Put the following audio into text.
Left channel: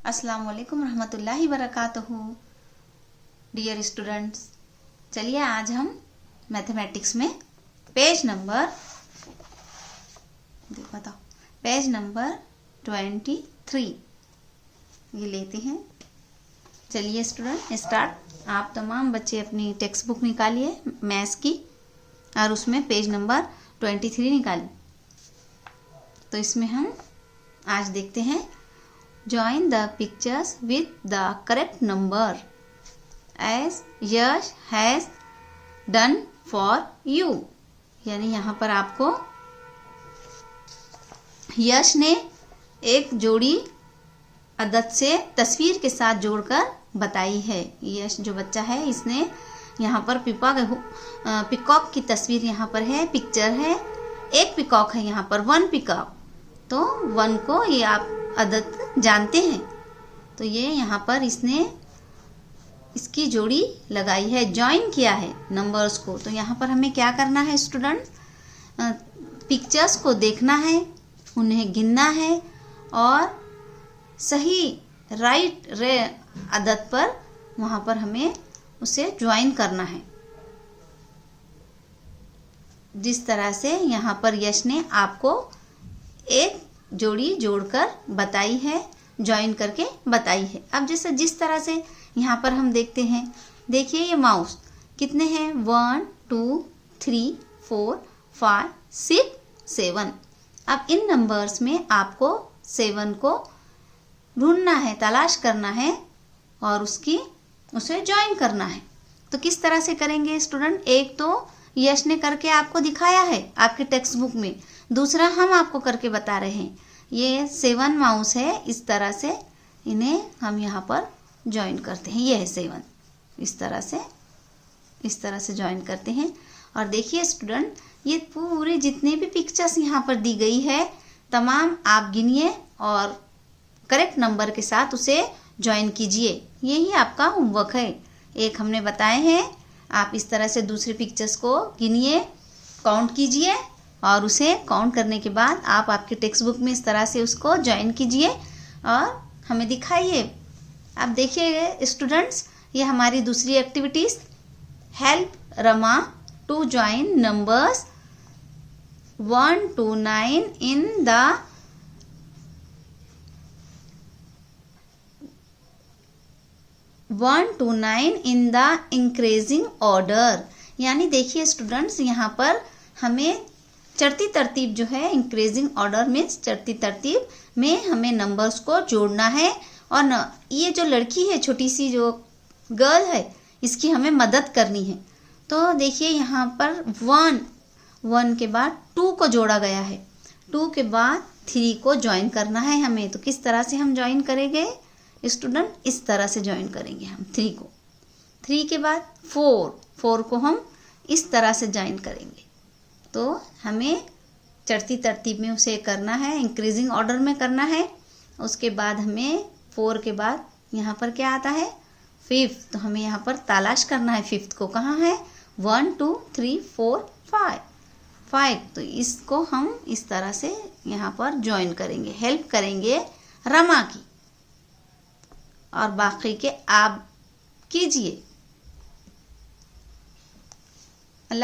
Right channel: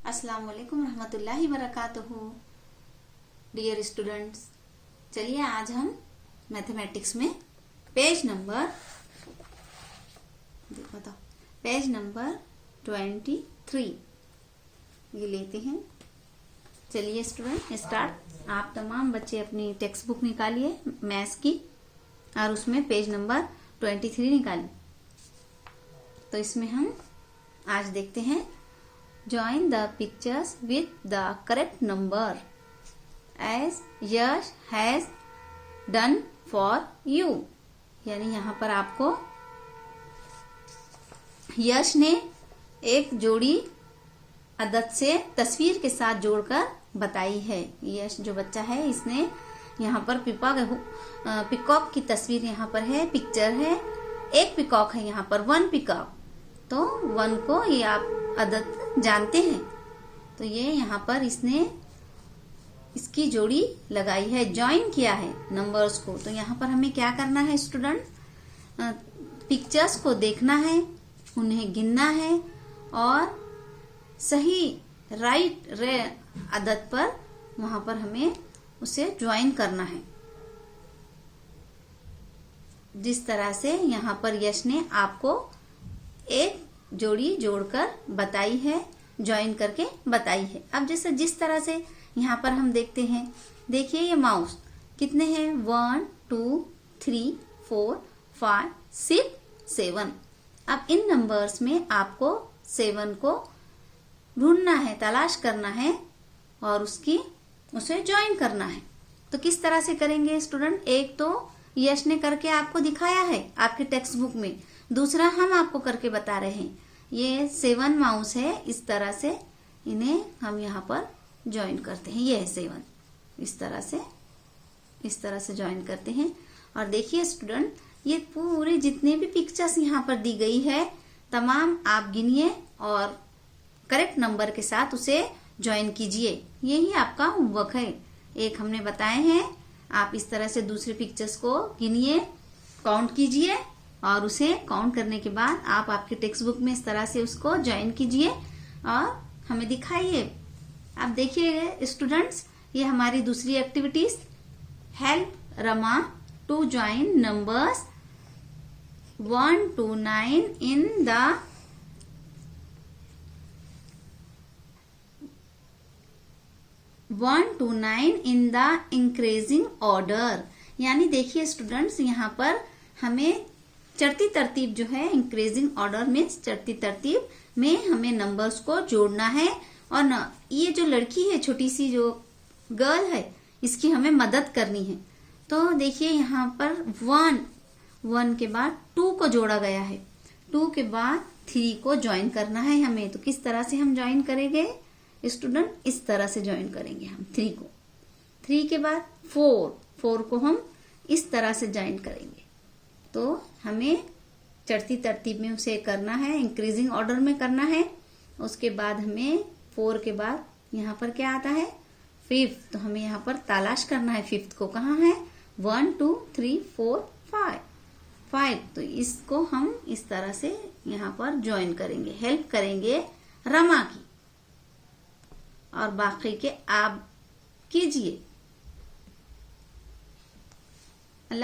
अस्सलाम वालेकुम रहमतुल्लाहि बरकातहू। डियर स्टूडेंट्स, चलिए आज हम मैथमेटिक्स में पेज नंबर 23 ये लेते हैं। चलिए स्टूडेंट स्टार्ट। आप तमाम बच्चे अपनी टेक्स्ट बुक निकालिए मैथ्स की और उसमें पेज नंबर 23 निकालिए। तो इसमें हम आज देखते हैं Join the pictures with the correct number as Yash has done for you। यानी यहाँ पर आपको यश ने एक जोड़ी अदद से तस्वीर के साथ जोड़कर बताई है। यश जो बच्चा है इसने यहाँ पर पिकॉक की तस्वीर यहाँ पर है, पिक्चर है। एक पिकॉक है यहाँ पर, 1 पिकॉक। तो 1 को ये आप अदद जानते हैं, तो ये यहाँ पर इसने इसकी जोड़ी लगाई है, ज्वाइन किया है नंबर्स को। तो यहाँ पर हमें क्या करना है स्टूडेंट, पिक्चर्स को देखना है, उन्हें गिनना है और सही राइट अदद पर वहाँ पर हमें उसे ज्वाइन करना है। जिस तरह से यहाँ पर यश ने आपको एक जोड़ी जोड़कर बताई है, ज्वाइन करके बताई है। अब जैसे जिस तरह से यहाँ पर हम देखते हैं, देखिए ये माउस कितने हैं, 1 2 3 4 5 6 7। अब इन नंबर्स में आपको 7 को ढूंढना है, तलाश करना है और उसे ज्वाइन करना है। तो किस तरह से करेंगे स्टूडेंट, एक तो यश ने करके आपको दिखाया है आपके टेक्स्ट बुक में, दूसरा हम आपको करके बता रहे हैं। ये 7 माउस है, इस तरह से इन्हें हम यहाँ पर ज्वाइन करते हैं। ये है 7, इस तरह से ज्वाइन करते हैं। और देखिए स्टूडेंट, ये पूरी जितने भी पिक्चर्स यहाँ पर दी गई है तमाम आप गिनिए और करेक्ट नंबर के साथ उसे ज्वाइन कीजिए। यही आपका होमवर्क है। एक हमने बताए हैं, आप इस तरह से दूसरी पिक्चर्स को गिनिए, काउंट कीजिए और उसे काउंट करने के बाद आप आपके टेक्स्ट बुक में इस तरह से उसको ज्वाइन कीजिए और हमें दिखाइए। अब देखिए स्टूडेंट्स, ये हमारी दूसरी activities, help Rama to join numbers 1 to 9 in the increasing order. यानी देखिए स्टूडेंट्स, यहाँ पर हमें चढ़ती तरतीब जो है, इंक्रीजिंग ऑर्डर में चढ़ती तरतीब में हमें नंबर्स को जोड़ना है। और ये जो लड़की है, छोटी सी जो गर्ल है, इसकी हमें मदद करनी है। तो देखिए यहाँ पर 1 के बाद 2 को जोड़ा गया है, 2 के बाद 3 को ज्वाइन करना है हमें। तो किस तरह से हम ज्वाइन करेंगे स्टूडेंट, इस तरह से ज्वाइन करेंगे हम 3 को। 3 के बाद 4 को हम इस तरह से ज्वाइन करेंगे। तो हमें चढ़ती तरतीब में उसे करना है, इंक्रीजिंग ऑर्डर में करना है। उसके बाद हमें 4 के बाद यहाँ पर क्या आता है, 5। तो हमें यहाँ पर तलाश करना है 5 को, कहाँ है, 1 2 3 4 5। तो इसको हम इस तरह से यहाँ पर ज्वाइन करेंगे, हेल्प करेंगे रमा की। और बाकी के आप कीजिए।